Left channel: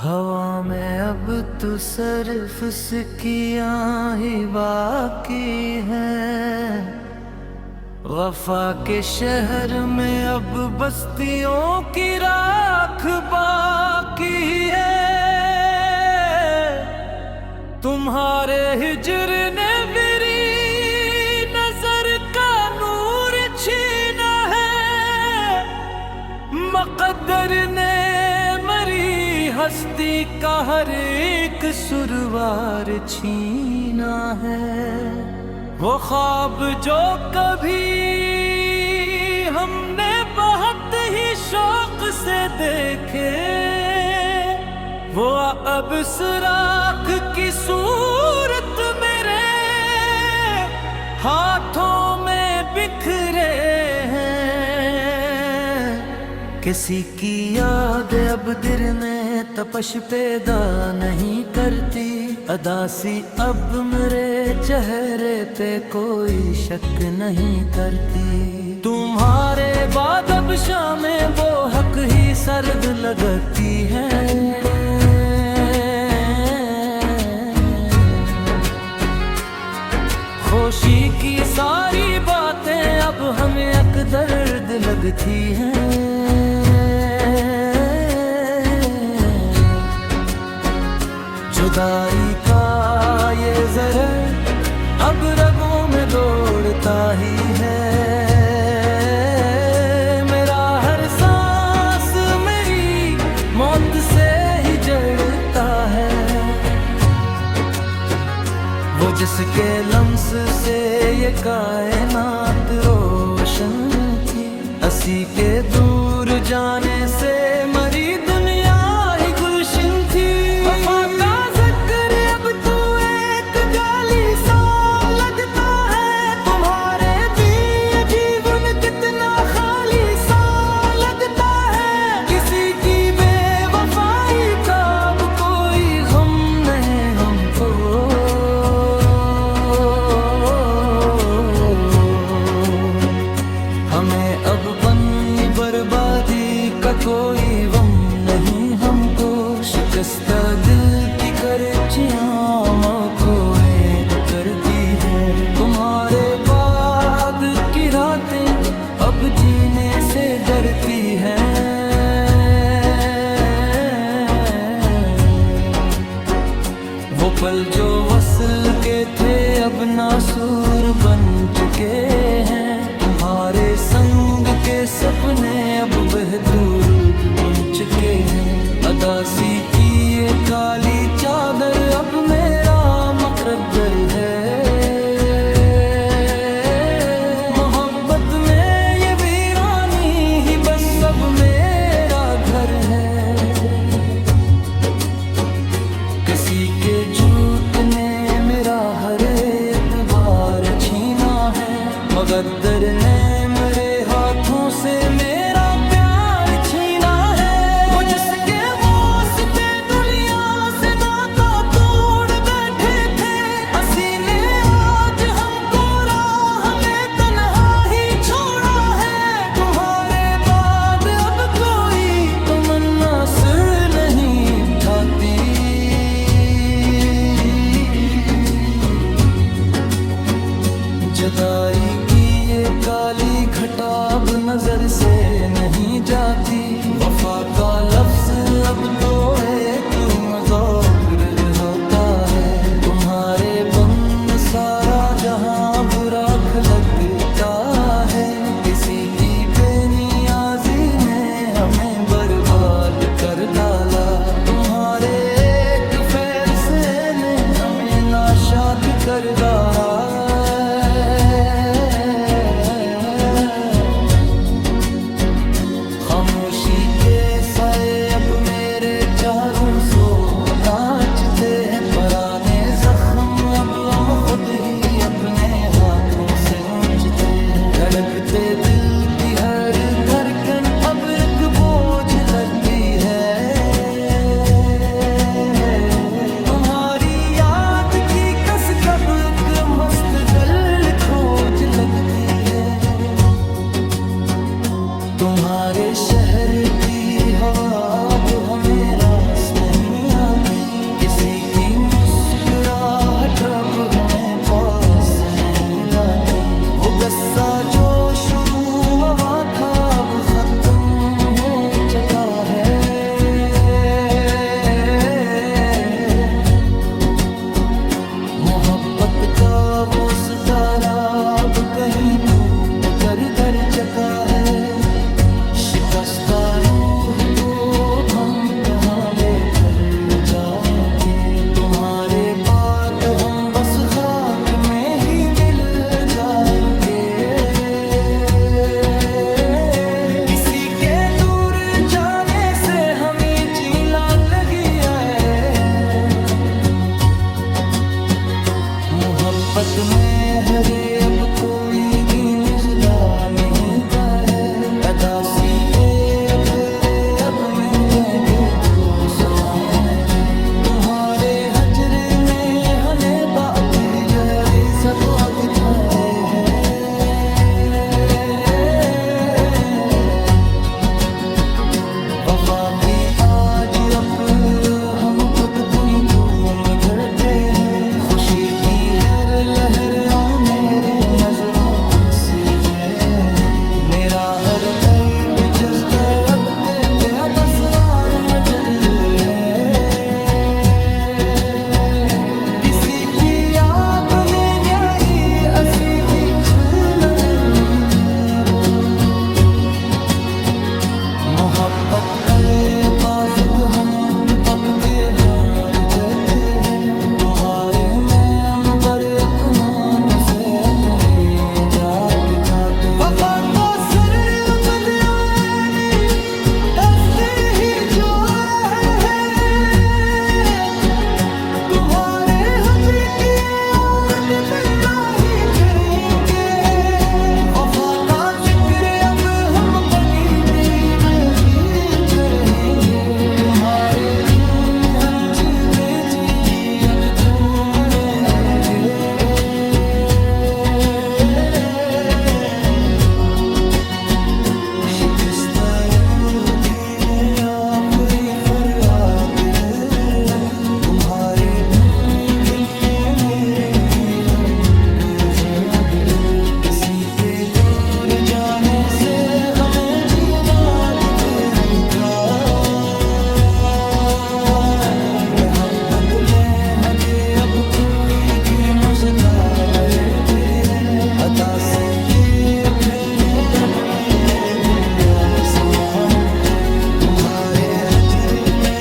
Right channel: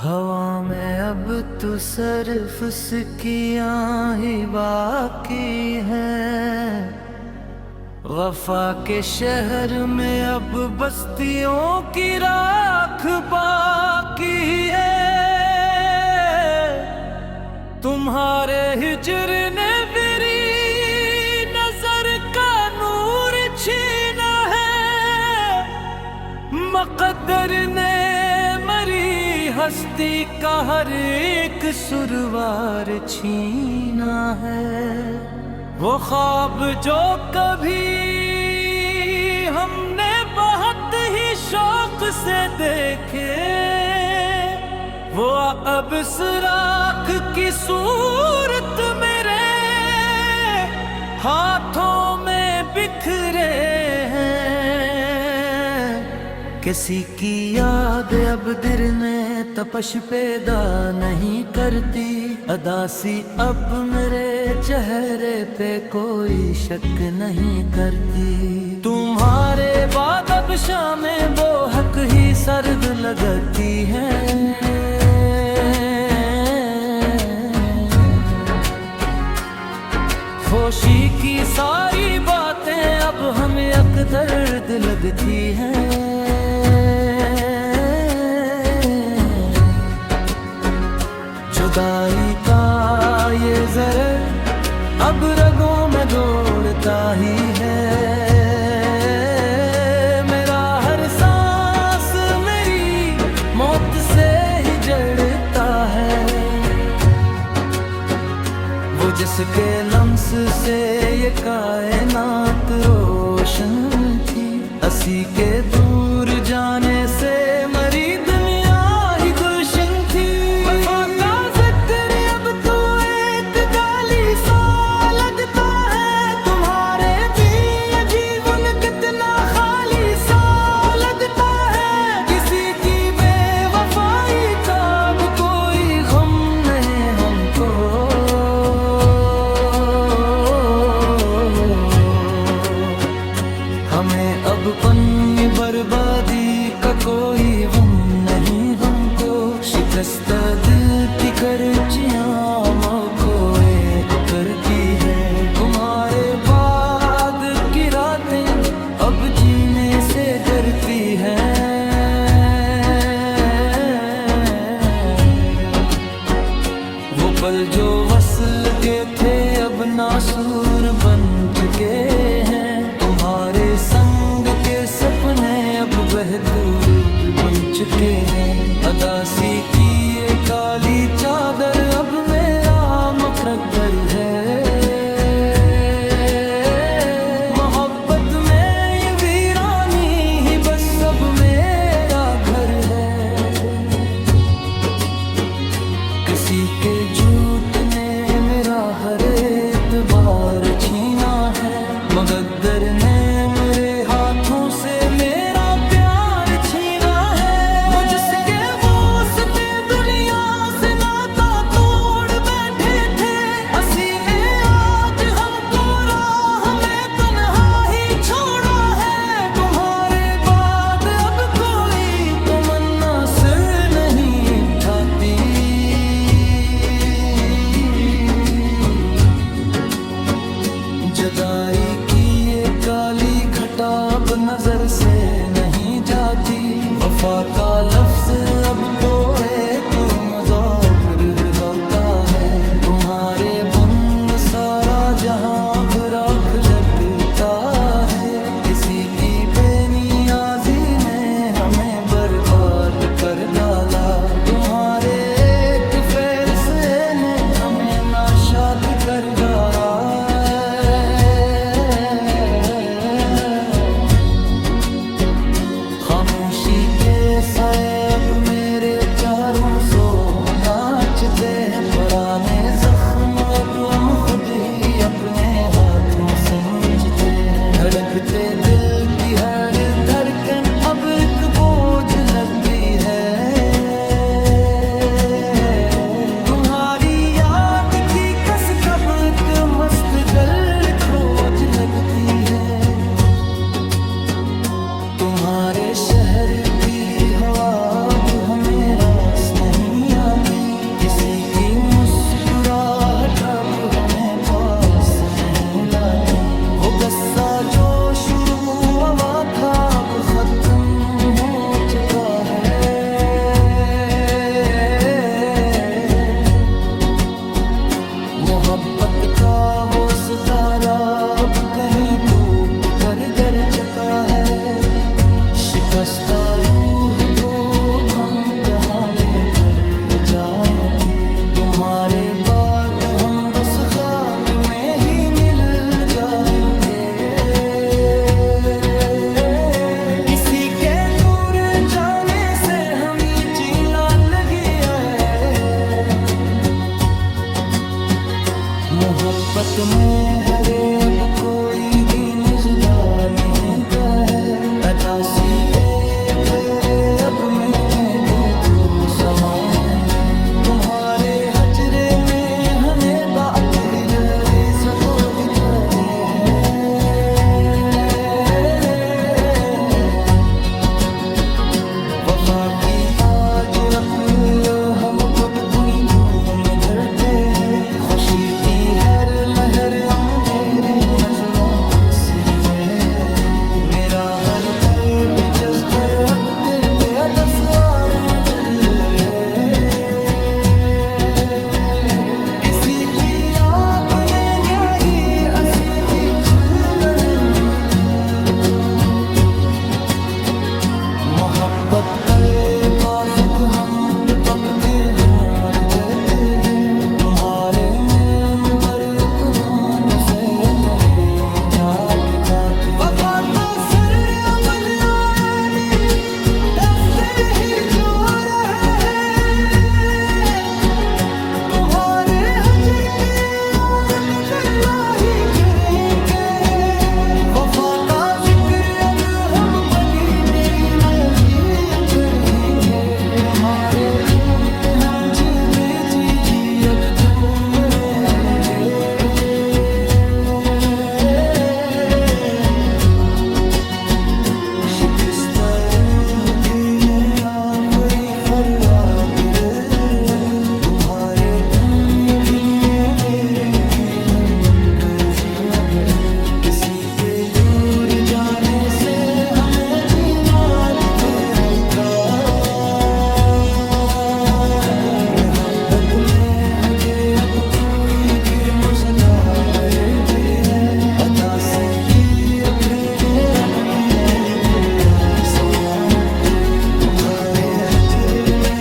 हवा में अब तो सिर्फ सिकियां ही बाकी हैं। वफा के शहर में अब बस्तियों की राख बाकी है। तुम्हारे हिजर ने मेरी नजर का नूर छीना है। मकद्दर ने हस्ती का हर एक सुरवार छीना है। वो ख्वाब जो कभी हमने बहुत ही शौक से देखे, वो अब सुराख की सूरत मेरे हाथों में बिखरे हैं। किसी की याद अब दिल में तपश पैदा नहीं करती। अदासी अब मेरे चेहरे पे कोई शक नहीं करती। तुम्हारे बाद अब शामें वो हक ही सर्द लगती हैं। खुशी की सारी बातें अब हमें अक दर्द लगती हैं। जुदाई का ये ज़हर अब रगों में दौड़ता ही है। मेरा हर सांस मेरी मौत से ही जड़ता है। वो जिसके लम्स से ये कायनात रोशन थी, असी के दूर जाने से मरी दुनिया ही गुलशन थी। वफा का ज़िक्र अब तू एक गाली सा लगता है। तुम्हारे भी ये जीवन कितना खाली सा लगता है। किसी की बेवफाई का अब कोई गम नहीं हमको। हमें अब पन्नी बर्बादी का कोई गम नहीं हमको। शिकस्त दिल की करचियां खोए करती है। तुम्हारे बाद की रातें अब जीने से डरती हैं। वो पल जो वसल के थे अब नासूर बन चुके हैं। तुम्हारे संग के सपने अब बहदूर बन चुके हैं। अदासी की ये काली चादर अब मेरा मुकद्दर है। मोहब्बत में ये वीरानी ही बस अब मेरा घर है। किसी के झूठ ने मेरा हर एतबार छीना है। मकद्दर ने मेरे हाथों से मेरा प्यार छीना है। मुझसे वास्ते दुनिया से नाता तोड़ बैठे थे। असी ने आज हमको राह में तन्हा ही छोड़ा है। तुम्हारे बाद अब कोई तमन्ना सिर नहीं उठाती। जुदाई की ये काली घटा अब नजर से नहीं जाती। वफा का लफ्ज अब तो तुम ज़ौक़ होता है। तुम्हारे बंद सारा जहां बुराक लगता है। किसी की बेनियाजी ने हमें बर्बाद कर डाला। तुम्हारे एक फैसले ने हमें नाशाद कर डाला। खामोशी के साए अब मेरे चारों सो नाचते हैं। पुराने जख्म अब हम खुद ही अपने हाथों से नोचते हैं। धड़कते दिल की हर धड़कन अब एक बोझ लगी है। तुम्हारी याद की कस कब एक मस्त गल खोज लगती है। तुम्हारे शहर की हवा अब हमें रास नहीं किसी की मुस्कुराहट अब हमें पास नहीं लाती। वो गुस्सा जो शुरू हुआ था अब खत्म हो चुका है। मोहब्बत का वो सितारा अब कहीं टूट कर गिर चुका है। शिकस्ता रूह को हम कहाँ लेकर जाएंगे। तुम्हारे बात हम बस खाक में ही मिल जाएंगे। किसी के दूर जाने से हमें जीना लगी है। मोहब्बत में हरे अब कोई गिनजदा नहीं गा है। अदासी ए तेरे अब में ये देखो समाए। तुम्हारे हजरे में हने बात ही जहरी सको दिखाए है। वफा की आज रप हम खुद पुनी खून भरते हैं। खुशी की हर लहर मेरी नजरों को सीधे। मेरा हर पल भी जज्बा अब तेरे बस और मजद है। किसी की आपने न्याही असी की छूनन मोहब्बत करे पाजुग हम तबक के हार देते हैं। तुम्हारे मैम पर अपनों को से अपने जात जाते। वफा को सर अब दयाने हंसते ही जो रहे हैं। तुम्हारे हजर की याद दिल्लाही करेंगे। वफा का जिक्र अब हम पढ़ी करेंगे। तुम्हारे में हम जीवे जी अब तो मरेंगे। शिकस्ता रूह की में आप ही फरियाद अब। तुम्हारे ये दुनिया मेरे लिए हम किसी के दूर जाने से हमें जीना मोहब्बत में हजे अब कोई किरमशदा मरे फिर है। अदासी की अपने रब में दिया समाई है। तुम्हारे हजर में